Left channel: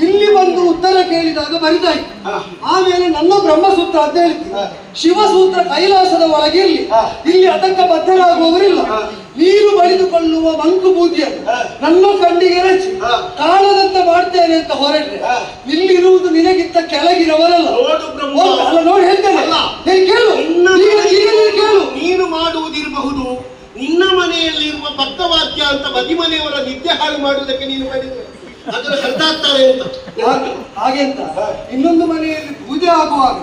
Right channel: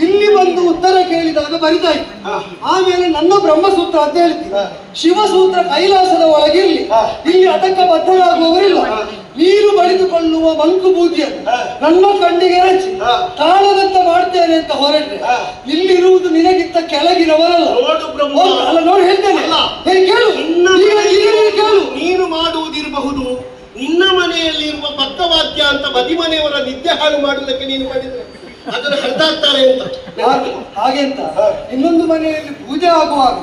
ಇಲ್ಲಿ ಬಂದು ಉತ್ತರ ಕೇಳಿದಾಗ ಬರಿತಾ ಇತ್ತು ಆಮೇಲೆ ನನ್ನ ಬ್ರಹ್ಮಸೂತ್ರ ಅಂತ ಹೇಳ್ತೀನಿ. ಶಿವಸೂತ್ರ ಕೈಲಾಸದ ಒಳಗಿರ್ಲಿ. ಇಲ್ಲಿ ಅದಕ್ಕ ಬದ್ಧರಾಗುವವರಿಲ್ಲ ನೀರು ಬಳಿದುಕೊಳ್ಳುವ ಮಂಕು ಬೂದಿಯನ್ನು. ನನ್ನ ಕಣ್ಣಿಗೆ ರಚಿ. ಕಾಣದಂತ ಮಾಡ್ತೇನೆ ಅಂತ ಹೊರಟ್ರೆ. ಇಲ್ಲಿರುವುದು ನಿನಗಿಂತ ಕೆಳಗಿರವರಲ್ಲ ಅಲ್ಲ ನೋಡಿ ಹೇಳ್ತೇನೆ. ಕೇಳು. ಕೇಳು. ನೀನು ಮಾಡುವುದಿರಬಹುದು. ನಿನ್ನ ಮನೆಯಲ್ಲಿರುವ ಭಕ್ತವಾಕ್ಯ ಅಂತ ಬದಿ ಮನೆಯವರ ನಿದ್ದೆ ಹಾಳು ಮಾಡುವುದಕ್ಕೆ ನೀನು ಕಡಿಮೆ ಅದರ ಕಂಡಾಗ್ತಾರೆ ಅಂತ. ಹಾಗೆ ಅಂತ. ಇನ್ನೊಂದು ಮನೆಯಲ್ಲಿ ಪೂಜೆ ಆಗುವಾಗ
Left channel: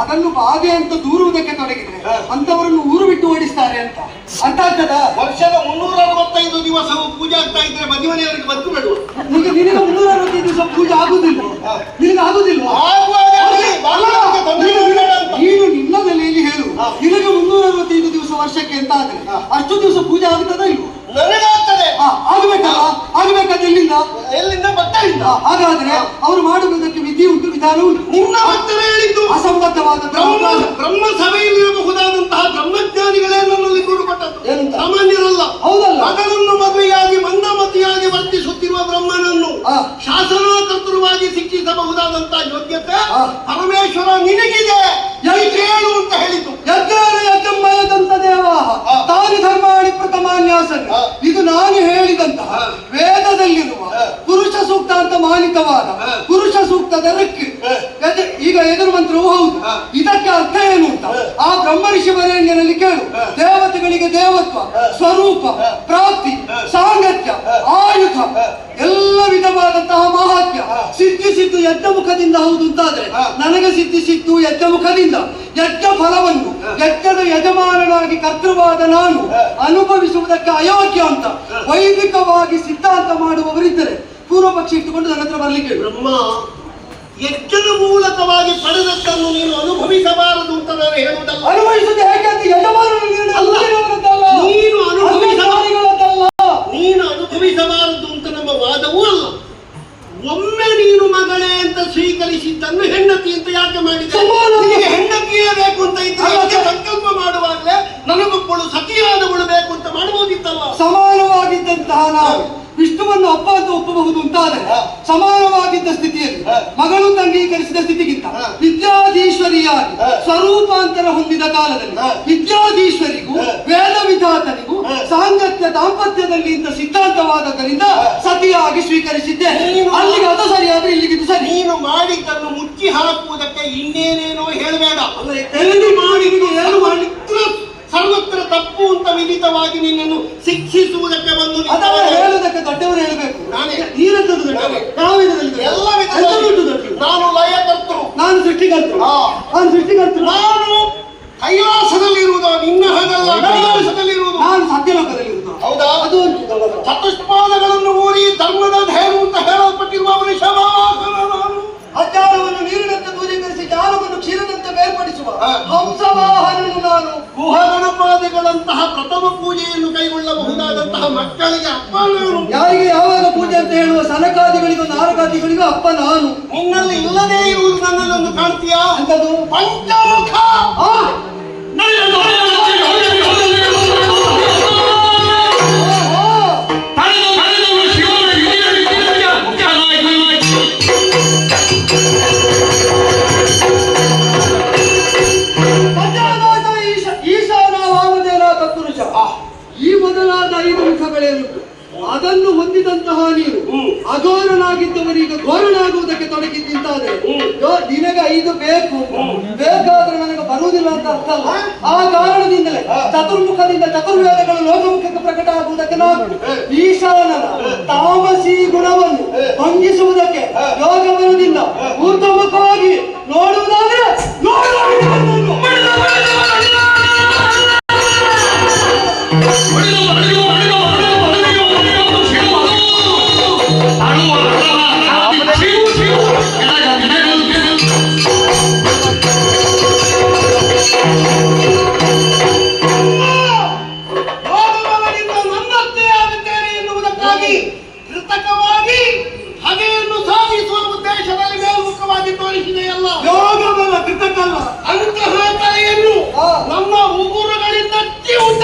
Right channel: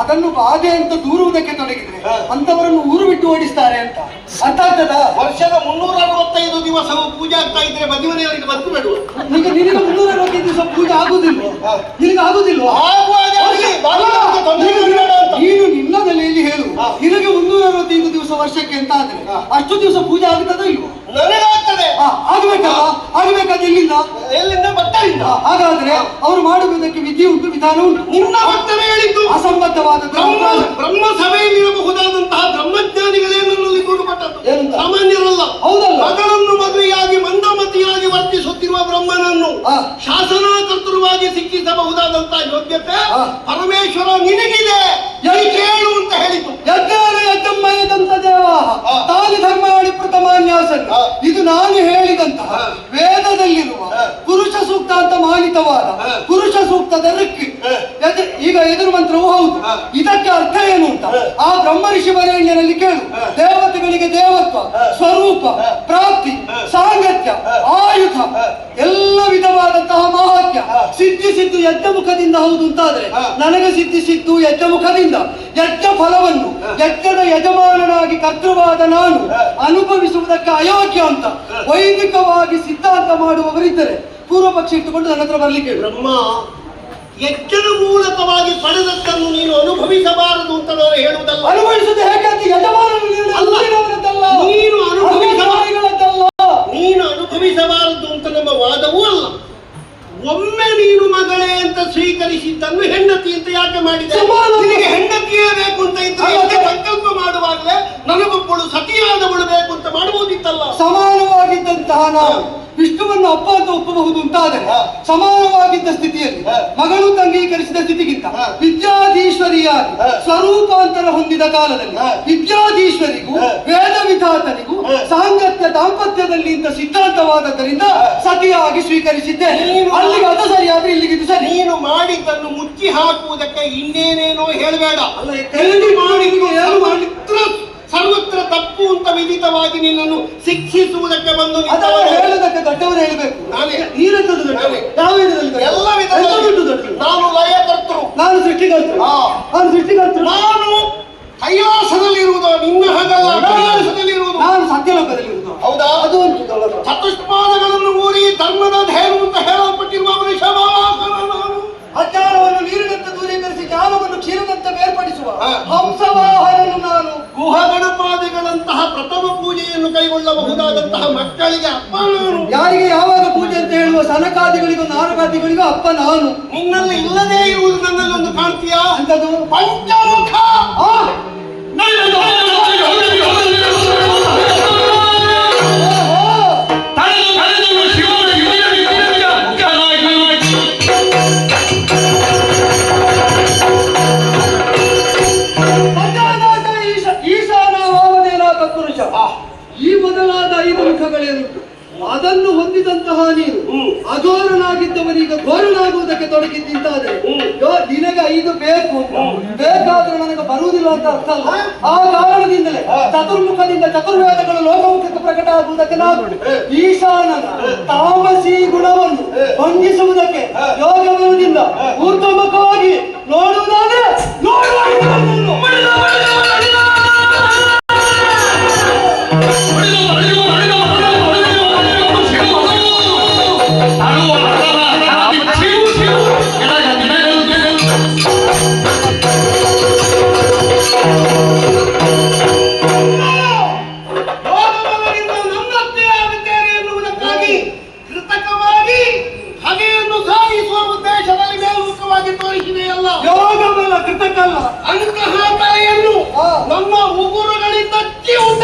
ಅದನ್ನು ಬಾಧೆ ಅಂತ ದೂರುವುದಕ್ಕೆ ತೊಡಗಿದ್ರೆ. ಅಂತವರನ್ನು ಊರು ಬಿಟ್ಟು ಓಡಿಸ್ತಾರೆ ಅಂತ. ಆಗ್ತದ ವರ್ಷದ ಮುನ್ನೂರ ಅರವತ್ತೈದು ದಿವಸ ಪೂಜೆ ಆಗ್ತಾ ಇದ್ರೆ ಬದಿ ಮನೆಯವರಿಗೆ ಬದುಕು ಬೇಡ ಈಗ ನಿನಗೆ ಮುನ್ನೂರ ಅರವತ್ತೈದು ದಿವಸ ಪೂಜೆ ಆಗುದಿಲ್ಲ. ನಿನಗೆ ಆಗುದಿಲ್ಲ ಆಗುವಾಗ ಅಂತ. ನೀನು ನಿನ್ನ ಶಿಕ್ಷಿಸಬಹುದಾದಂತಹ ಯೋಗ್ಯತೆ ಪರಮೇಶ್ವರ ನಿನಗಿದೆ? ಕೇಳು ಅಂತ ಹೇಳಿತು ಯಜ್ಞಮಯದಂತ ದೇವ. ತಾನು ಧರ್ಮಾಣಿ ಪ್ರಥಮಾನ್ಯಾಸನ್. ಇದು ನಾನು ಹೇಳಿದಂತಹ ವೇದದಲ್ಲಿರುವ ಪುರುಷ ಸೂಕ್ತ ಅಂತ ಮಾನಿತವಾದ ಪುರುಷ ಸೂಕ್ತದ ರಿಕ್ಕಿ. ಈಗ ಎದುರು ಮಂತ್ರವು ಹೌದು ಇದಕ್ಕೆ ಅರ್ಥ ಏನು ಅಂತ ಆ. ಬ್ರಹ್ಮ ಋಷಿ ಕೇಳು ದೇವತೆಗಳಿಗೆ ದೇವತ್ವ. ಸ್ವರೂಪ. ಪ್ರಾಪ್ತಿ ಸಾಂಗತ್ಯ ಆ. ಸಿದ್ಧಿಸಿದ್ದು ಯಜ್ಞ ಮುಖದಿಂದ ಹೌದು ಅಂತಾದ್ರೆ. ನನಗೆ ಸಿದ್ಧಿಸಿದ್ದು ಯಜ್ಞ ಮುಖದಿಂದ ಯಜ್ಞ ಫಲವನ್ನು. ಯಜ್ಞದ ಯಜಮಾನನಾಗಿ ಕರ್ತೃವಾದ ನಾನು ಅನುಭವಿಸುವುದಕ್ಕೆ ಅಯೋಗ್ಯ ಅಂತ. ವೈದಿಕವಾಗಿ ಸಿದ್ಧಾಂತ ಮಾಡುವವರಿದ್ದರೆ ಪೂರ್ವ ಪಕ್ಷ ಇಟ್ಟುಕೊಂಡು ನನ್ನ ಹತ್ರ ಬರ್ಲಿಕ್ಕೆ ಬ್ರಹ್ಮ ಯಜ್ಞದ ಮೂಲಕವಾಗಿ ಪಡೆದದ್ದನ್ನು ನೀನು ಅನುಭವಿಸಬಾರದು ಅಂತ ನಾನು ಹೇಳುವುದಲ್ಲ ಅನುಭವಿಸುವುದು ಹೇಗೆ ಅಂತ ಯಜಮಾನನು ಅಲ್ಲ. ಅನುಭವಿಸುವುದಲ್ಲ. ನೀನು ಅನುಭವಿಸ- ಅಧಿಕಾರಿಗಳದ್ದಲ್ಲ. ನೀನು ಅನುಭವಿಸಬಾರದು ಅಂತ ನಮ್ಮ ವಾದವೂ ಅಲ್ಲ ಒಮ್ಮೆ ನೀನು ಮಗಳೇ ಅಂತ ಸ್ವೀಕರಿಸಿದ್ದನ್ನು ಹೆಂಡತಿ ಅಂತ ಯಾಕೆ ಮಾಡಿದೆ ಸಮಾನ- ನಿನಗೆ ಹೆಂಡತಿಯೇ ಬೇಕು ಅಂತ ಇದ್ರೆ ಅಲ್ಲ, ಯಜ್ಞ ಸರ್. ಸಂಕಲ್ಪ ಮಾಡುವಾಗಲೇ ನನಗೊಬ್ಬಳು ಸತಿಯಾದವಳು ಬೇಕು ಅಂತ ಮಾಡಬಹುದಿತ್ತಲ್ಲ ನಾವು ವಿಷ್ಣುವನ್ನು ಅಪ್ಪ ಅಂತ ಒಪ್ಪಬಹುದು ಅಂತಾದರೆ. ಸಮಾನವಾಗಿದ್ದ ಸ್ಥಿತಿಯಲ್ಲಿ ಮಗಳು ಅಂಗೀಕರಿಸಿದ ಸ್ಥಿತಿಗಿಂತ. ವಿದ್ಯಾಧೀಶ್ವರಿಯಾಗಿ ಸ್ವರೂಪಾಂತರ ಹೊಂದಿದ ಕಾಲದಲ್ಲಿ. ವಿದ್ಯಾಧೀಶ್ವರಿಗೂ ವೇದ ವಿಧಾತನಿಗೂ ಸಾಂಗತ್ಯ ದಾಂಪತ್ಯದಲ್ಲಿ ಇಂಥ ಸಿದ್ಧಾಂತವಾದದ್ದರಿಂದ. ಸತಿಯಾಗಿ ಸ್ವೀಕರಿಸಿದ್ದೆ ಅಲ್ಲಿಗೆ ಅದು ಸರಿಯಾದ್ರೆ ಇಲ್ಲಿಗೆ ಇದು ಸರಿ ನೀನು ಮಾಡಿದ್ದನ್ನು ಮುಚ್ಚಿ ಹಾಕುವುದಕ್ಕೆ ಇನ್ನೇನೇನೋ ಹೇಳಬೇಡ ಮಾಡಿ ಸರ್ವತ್ರ ತಪ್ಪು ಅಂತ ವಿಧಿತವಾಗಿ ನಿನ್ನನ್ನು ಶಿಕ್ಷಿಸುವುದಕ್ಕೆ ಬಂದು. ಹೇಳುವುದಕ್ಕೆ ದೊಡ್ಡವರು ಹೇಳಬೇಕು ನಾನೇ. ನೀರೆಂತದ್ದು ದೊಡ್ಡವರು ನಾನೇ. ಯಾವ ವಿಧದಲ್ಲಿ ದೊಡ್ಡವರು? ಎಲ್ಲ ಎಂತ ವಿಧದಲ್ಲಿ ಉಂಟು ದೊಡ್ಡವರು? ನಾನು ಲಯಕರ್ತರು ನಾನು ಸೃಷ್ಟಿಕರ್ತರು ಹಾ. ನಾನು ಸೃಷ್ಟಿಕರ್ತರು ನಾನು ಕೈಲಾಸದಲ್ಲಿ ಇರುವುದು ನಿನ್ನ ಹಾಗಲ್ಲ ಕೈಲಾಸದಲ್ಲಿ ಇರುವುದು ನಾನು ಸತ್ಯಲೋಕದಲ್ಲಿ ಇರುವುದು ಹೌದಾ ಅದು ಉಂಟು ದೊಡ್ಡವರು. ಚತುಷ್ಪಾದಗಳನ್ನು ಊರಿ ಧರ್ಮದ ಧೇನು ಅಂತ ಹೇಳಲ್ಪಟ್ಟಿರುವ ವೃಷಭವಾಹನ ನಾನು ಅಜ್ಞಾನವನ್ನು ನೀರಿನಂತೆ ದೂರೀಕರಿಸಿ ಜ್ಞಾನವನ್ನು ಕ್ಷೀರದಂತೆ ಬೇರ್ಪಡಿಸುವ ಹಾ. ಹಂಸವಾಹನನು ನಾನು ಗುಹಗಣಪಾದಿಗಳಂತಹ ಪ್ರಥಮ ಪೂಜೆಯನ್ನು ಕೈಗೊಳ್ಳಬಹುದಾದಂತಹ ಮಕ್ಕಳಿಗೆ ಅಪ್ಪ ನಾನು ಯಾರಿಗೆ ಯಾವಾಗ ಪೂಜೆ ಅಂತ ಹೇಳುವ ಸನಕಾದಿಗಳಿಗೂ ನಾರಕಾದಿಗಳಿಗೂ ಅಪ್ಪ ನಾನು ನಿನ್ನಲ್ಲಿ ಇಲ್ಲದೇ ಇರುವುದು ನನ್ನಲ್ಲೊಂದು ಕಾಣ್ತೀಯಾ ಅಂತದು ಪಂಚಮುಖ ಆ, ಮುಖಗಳೇನುಂಟು ಅದನ್ನು ಹೊಂದಿದಂತಹ ನೀವು. ಅಘೋರನಾಗಿದ್ದವನೀಗ ಘೋರನಾಗುವುದಕ್ಕೆ ತೊಡಗಿದ್ದಂತಾದ್ರೆ ನಿನಗೆ ಐದು ಬೇಕು. ಬೇಕಾದ್ರೆ ನನಗೆ ಬರುವುದಿಲ್ಲ ಅಂತ ಅರ್ಥ ಅಲ್ಲ? ಆ ಕಾರಣದಿಂದಲೇ. ಚತುರ್ಮುಖದಿಂದ ಚತುರ್ವೇದಗಳು ಲೋಕಮುಖಕ್ಕೆ ಪ್ರಕಟ ಆಗುವುದಕ್ಕೆ ನಾವು ಈಶಾನ ಈಶಾನನ ತಾಮಸಿ ಗುಣವನ್ನು ಹೊಂದಿಸುವುದಕ್ಕೆ ಭಂಗಿಸುವುದಕ್ಕೆ ಉತ್ತಮ ಬಲ ಕೃತಕ್ಕಲ್ಲ ಅಂತಹ ತಲೆಯನ್ನು ಹಾ. ನಮ್ಮ ಉಗುರುಗಳಿಂದ ಜೀವನ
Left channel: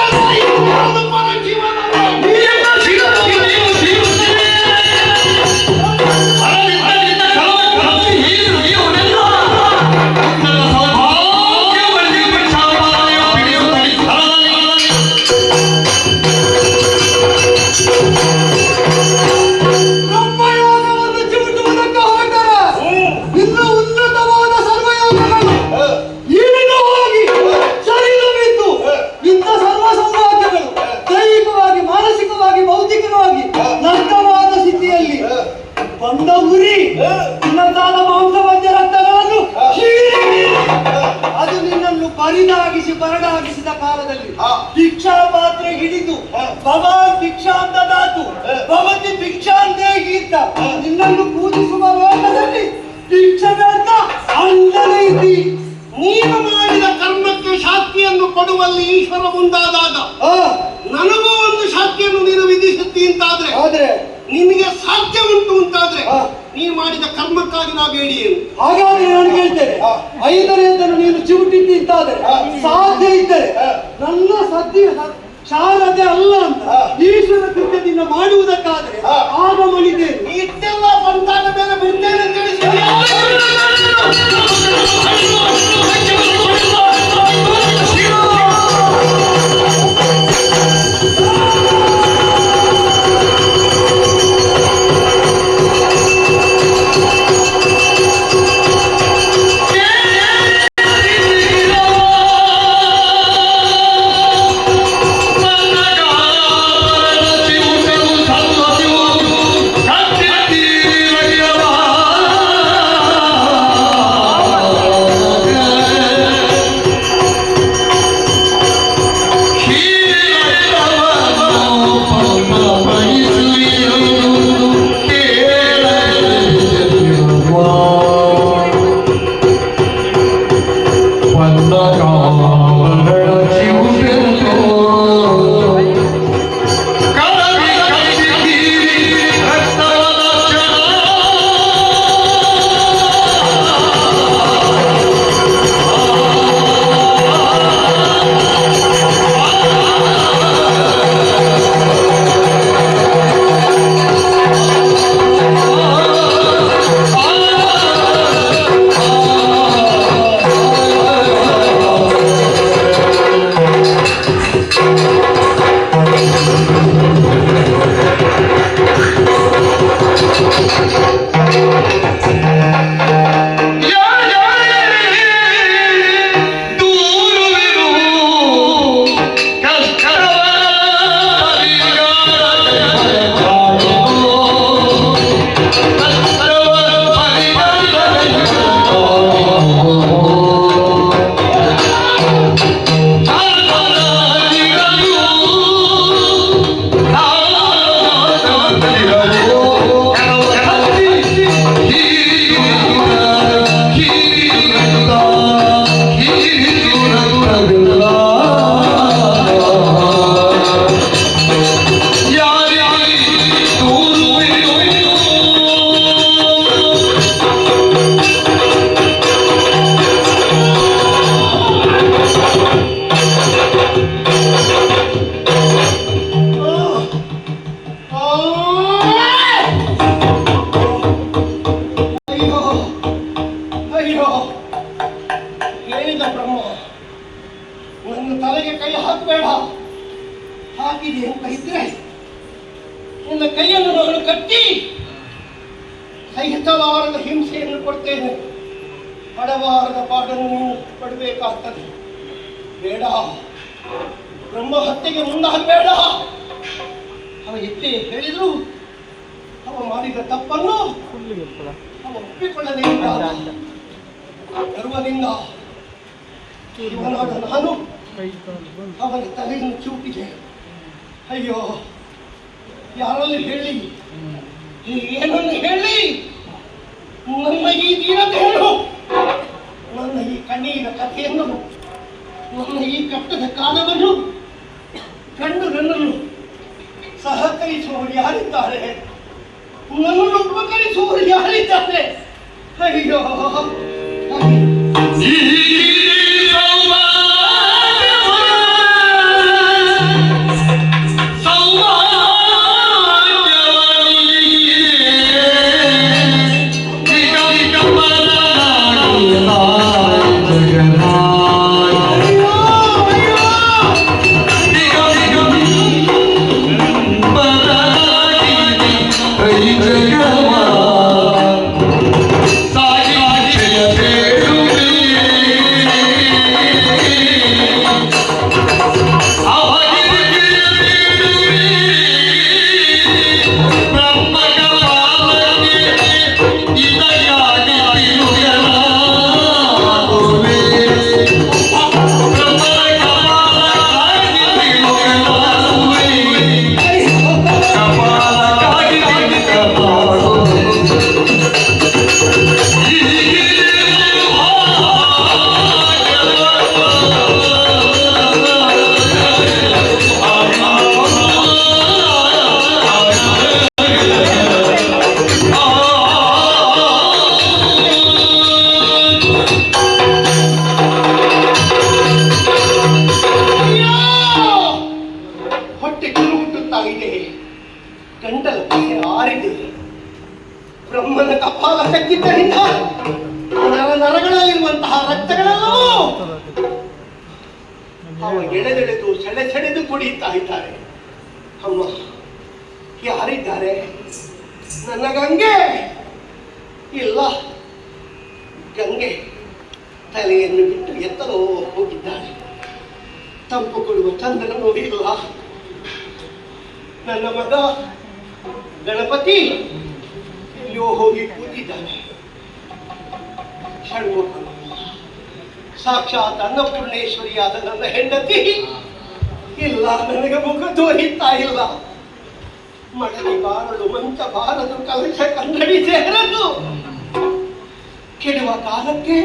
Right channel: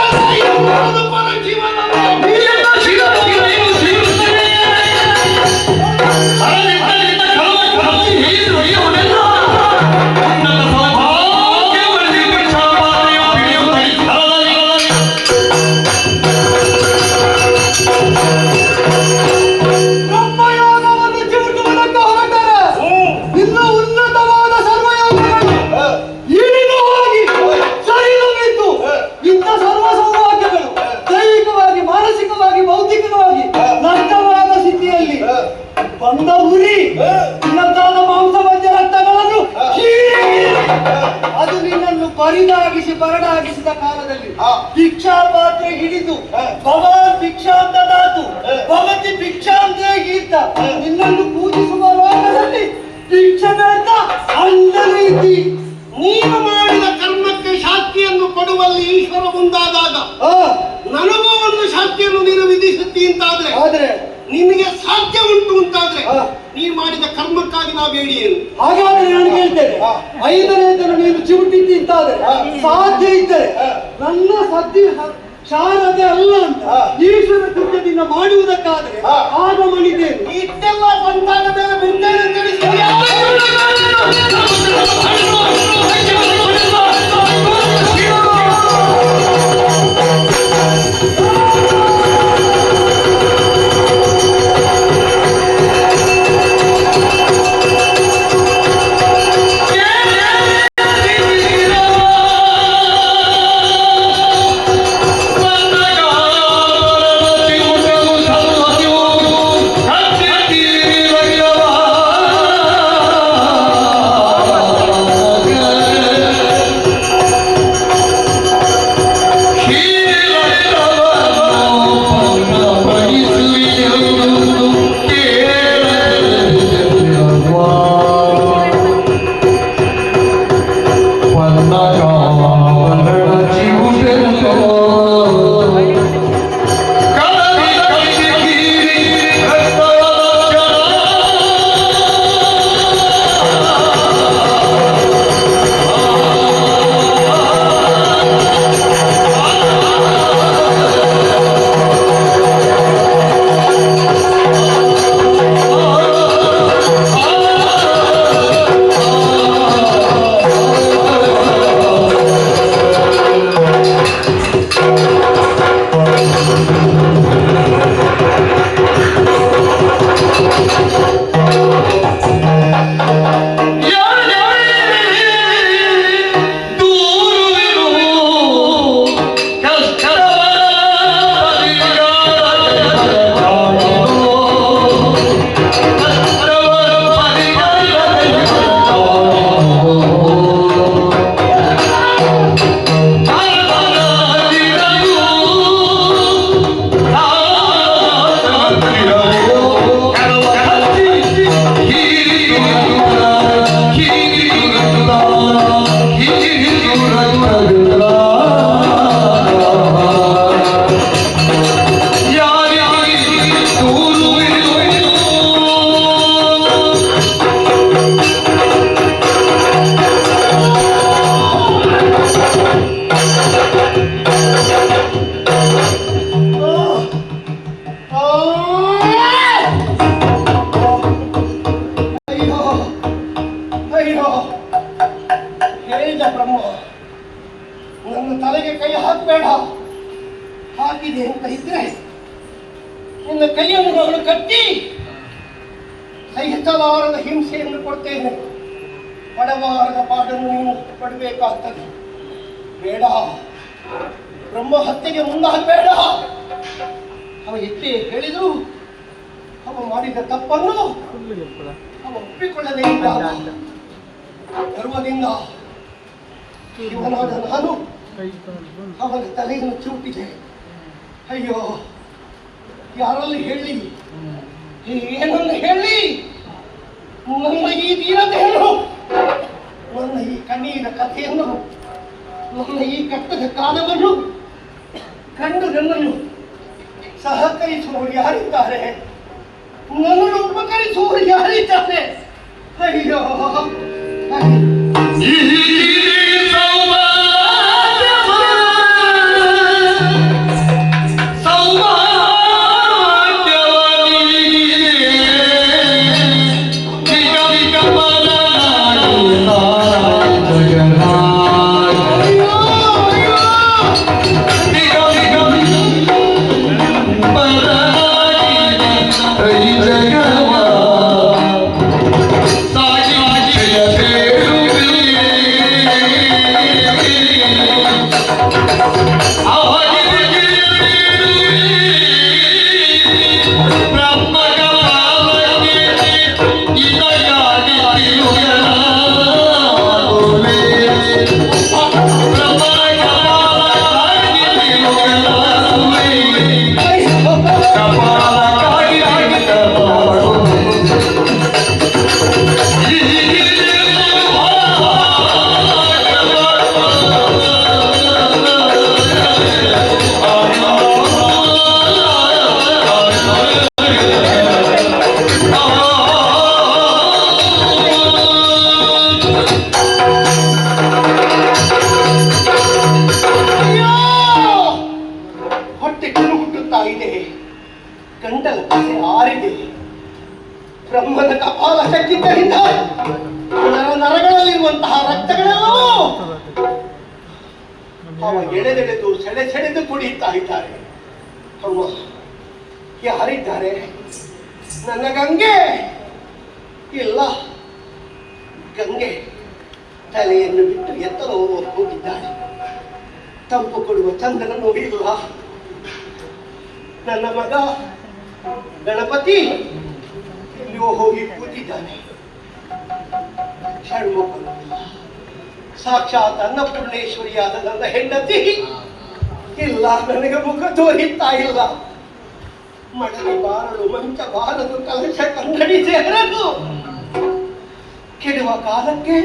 ಕೊರಿದಾಗಿಸಿ ಬರಡಾಗಿಸಿದ ಕಾಲದಲ್ಲಿ. ಭಿಕ್ಷಾ ಪಾತ್ರೆ ಹಿಡಿದು. ಭವಾನ್ ಭಿಕ್ಷಾಂತ ದಾತು. ಭವತಿ ಭಿಕ್ಷಾಂತೇಗಿ ಗೀತ ನಿನ್ನನ್ನು ಪೂಜಿಸುವ ಲೋಕದಲ್ಲಿ ಭಿಕ್ಷದಾತ ಅಂದಲೇ ಇದ್ದಿ ನೀನು ಮಾಡಿದ ಕರ್ಮಕ್ಕೆ ಶಾಕ್ತಿಯನ್ನು ಕೊಡುವಲ್ಲಿ ಈಶ್ವರ ಮುಂದಾದಾಗ ನನಗೂ ಒಂದು ಶಾಕ್ತಿಯನ್ನು ನೀನು ವಿಧಿಸುತ್ತಿ ಅಂತಾದ್ರೆ ಆದ್ರೆ ನಿನಗೆ ಸಾಧ್ಯ ಉಂಟು ಅಂತಾದ್ರೆ. ನೀ ಮಾಡಿದ ಕರ್ಮಕ್ಕಾಗಿ ನಾ ಬೇಡಿ ಏನು ಹಾಗಾದ್ರೆ ನಾನು ಹೇಳ್ತೇನೆ. ಐದನೇದನ್ನು ನೀನು ಚಿವುಟಿದ್ದಾದ್ರೆ ತಿಂತಾದ್ರೆ ಸಾಧ್ಯ ಇದ್ದರೆ. ನನ್ನ ಸದ್ಯ ಶಾರದೆ ಅಲ್ಲ ಅಂತ. ಈಶ್ವರ ಕೃತ್ಯದಿಂದ ಮಾಡುವುದಕ್ಕಾದ್ರೆ. ಆಗ ಮಣಿದೇನು ಇಷ್ಟೆಲ್ಲ ಬಂದಾಗ ಮೇಲೆ ಮುಂದೆ ಹಿಂಸೆಯನ್ನು ಕೊಡ್ತೇನೆ. ಬಡವಾರದ ಪಾಠವನ್ನು ನೀನು ಪಡಬೇಕಾಗ್ತದೆ. ಬೇಡ. ಬ್ರಹ್ಮ ಹತ್ಯೆಗೆ ಮುಂದಾಗಬೇಡ. ಅವ ಎಷ್ಟೇ ಹೇಳಿದ್ರು ಅವ ಮಾಡಿದ ತಪ್ಪನ್ನು ಅವ ಒಪ್ಪಿಕೊಳ್ಳದೇ ಇದ್ದ ಗರ್ವದಿಂದ ಇವನಾದ ನಾನು ಅವನ ತಲೆಯನ್ನು ಚೂಟಿದೆ. ಅಯ್ಯೋ, ಯಾರಲ್ಲಿ ಹೇಳಿ? ಏನನ್ನು ಹೇಳಿ? ನನ್ನ ಈ ದೀನತೆಯನ್ನು ನನ್ನ ಈ ಕಣ್ಣೀರ ಕಥೆಯನ್ನು ನನ್ನ ಈ ಕಟ್ಟದ ಕಾಲವನ್ನು ಕಂಡು ನನ್ನನ್ನು ಸಹಕರಿಸುವವರು ಯಾರಿದ್ದಾರೆ ನನ್ನನ್ನು ಉಪಕರಿಸುವವರು ಯಾರಿದ್ದಾರೆ. ಅಯ್ಯೋ ಹೊಟ್ಟೆಗಳು ಹುಟ್ಟುತ್ತಾ ಇದೆ. ಗಂಟಲ ಪಸೆ ಆರಿದೆ. ಬ್ರಹ್ಮನ ಕಪಾಲ ಶಕ್ತಿದ್ದರಿಂದ ನರ ನರಗಳಲ್ಲಿರುವಂತಹ ರಕ್ತಗಳೆಲ್ಲವೂ ಅವ ಎಳೆದೆಳೆದು ಸೆಳೆ ಸೆಳೆದು ಕುಡಿಯುತ್ತಾ ಇದ್ದಾರೆ. ಅಮ್ಮ ಯಾರಿದ್ದಾರೆ ನನ್ನ ಗಂಗೆ ಇಲ್ಲ ಗಂಗೆ ತಲೆಯನ್ನು ಬಿಟ್ಟು ಎತ್ತಲೋ ಹೋಗಿದ್ದಾನೆ. ತಂಪು ಕೊಡುವ ಚಂದನ ನೋಡಿಲ್ಲ ನನ್ನ ಮಗ ಗಣಪತಿ. ಇಲ್ಲಿಯೋ ಹೋಗಿ ಕೂತಿದ್ದಾನೆ. ಷಣ್ಮುಖನು ಸಾಕ್ಷಾತ್ ಅನ್ನಪೂರ್ಣೇಶ್ವರಿಯಾದ ನನ್ನ ಹೆಂಡತಿ. ಇಲ್ಲ, ನನಗೆ ಮುಖ ತೋರಿಸ್ತಾ ಇಲ್ಲ. ಮಡಲಿ ಬಾರಲು, ಮಂಚ ಬಾರದು ಕಲಶ ಕನ್ನಡಿ ಸೇರಲು. ಕೆಡುವ ಕಾಲಕ್ಕೆ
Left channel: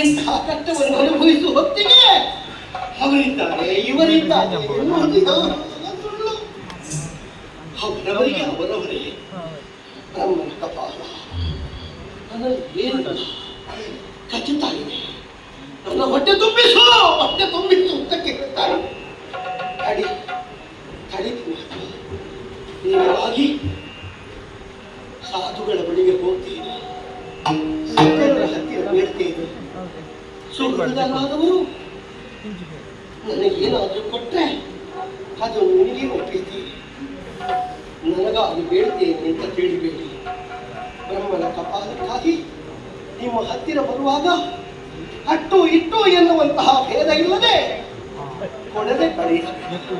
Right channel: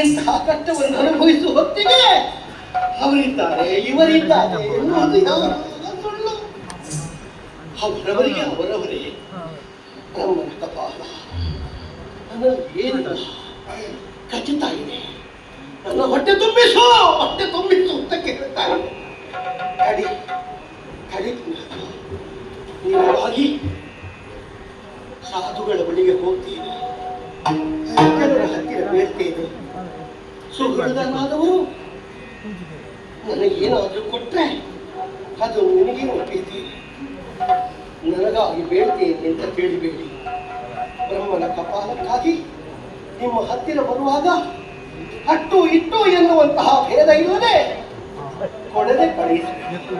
ಇಂತಹ ಕಷ್ಟವನ್ನು ಅನುಭವಿಸುವ ಹೊತ್ತಿಗೆ ಅವರಿದ್ದಾರೆ, ಇವರಿದ್ದಾರೆ ಎನ್ನುವುದು ಯಾವ ಸುಳ್ಳು ಅವರವರಿಗೆ ಅವರವರೇ ಬ್ರಹ್ಮನ ಕಪಾಲ ನನ್ನಲ್ಲಿ ಏನು ಖಚಿತ ಇದೆ ನನ್ನ ಹೊಟ್ಟೆ ತುಂಬಿಸು ಹೊಟ್ಟೆ ತುಂಬಿಸು ಅಂತ ಕೇಳ್ತಾರೆ. ಕಡಿ ಕಡಿ ನೀವಾಗಿ ಸಾಧುಗಳ ಬಳಿಗೆ ಹೋಗ್ತೀನಿ ಹತ್ತಿರ ಬೇಡ್ತೇನೆ ಸುಹೃದನಾದವರು ನನಗೇನಾದರೂ ಕೊಟ್ಟರೆ ಅದು ನಿನಗೆ ಒಪ್ಪಿದ್ದೇನೆ ನನಗಾಗಿ ಬೇಡ್ತೇನೆ ಅಂತ ಕೇಳಿಬೇಡಿ ಬ್ರಹ್ಮನ ಕಪಾಲಕ್ಕಾಗಿ ನಿಮ್ಮ ಹತ್ತಿರ ಬರುವಾಗ ಅಟ್ಟು ಇಟ್ಟು ಎನ್ನುವಂತಹ ಭೇದ ಇಲ್ಲದೆ ಕೊಡದೆ ಪಡೆಯಬೇಕು.